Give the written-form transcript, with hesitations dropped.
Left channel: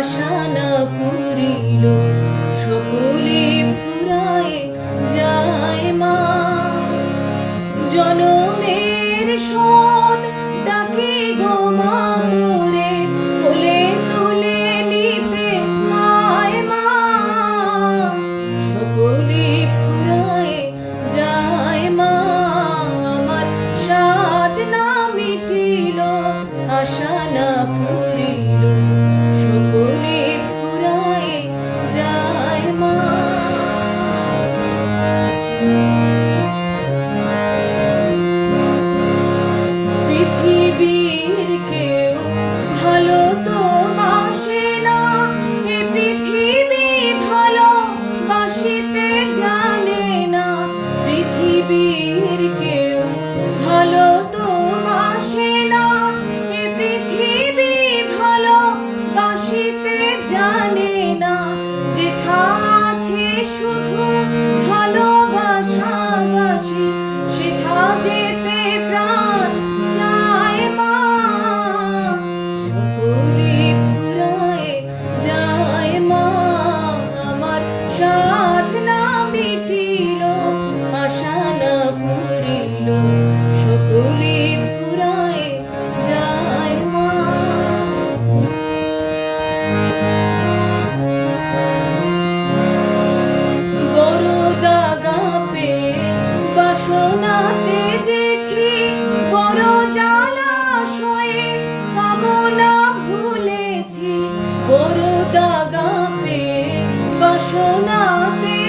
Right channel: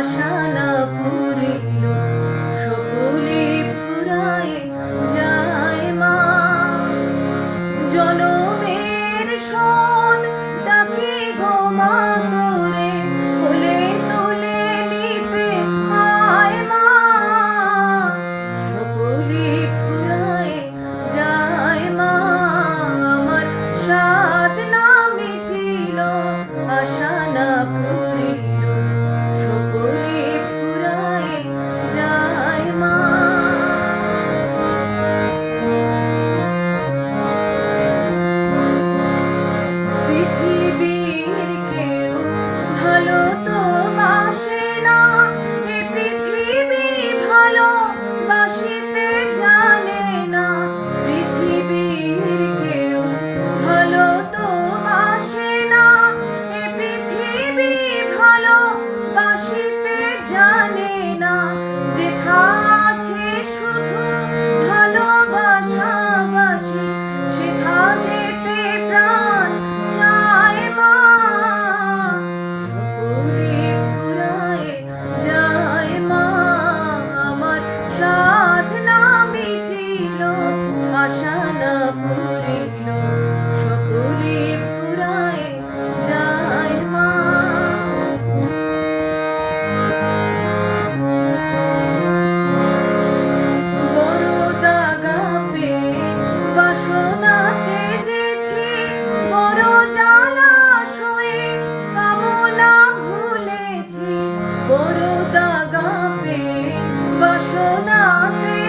আশা না পুরিল সকলে ফুরায় যায় মা। জনমের শোধ ডাকি গো মা তোরে, কোলে তুলে নিতে আয় মা। সকলে ফুরায় যায় মা, আমার সাধ না মিটিল আশা না পুরিল সকলে ফুরায় যায় মা। পৃথিবীর কেউ ভালো তো বাসে না, এ পৃথিবী ভালো বাসিতে জানে না। পৃথিবীর কেউ ভালো তো বাসে না, এ পৃথিবী ভালো বাসিতে জানে না। যেথা আছে শুধু ভালোবাসাবাসি, সেথা যেতে প্রাণ চায় মা। সকলে ফুরায় যায় মা, আমার সাধ না মিটিল আশা না পুরিল সকলে ফুরায় যায় মা। বড় দাগা পেয়ে বাসনাতে যেছি, বড় জলাশয়ে কামনা ভুলেছি। বড় দাগা পেয়ে বাসনাতে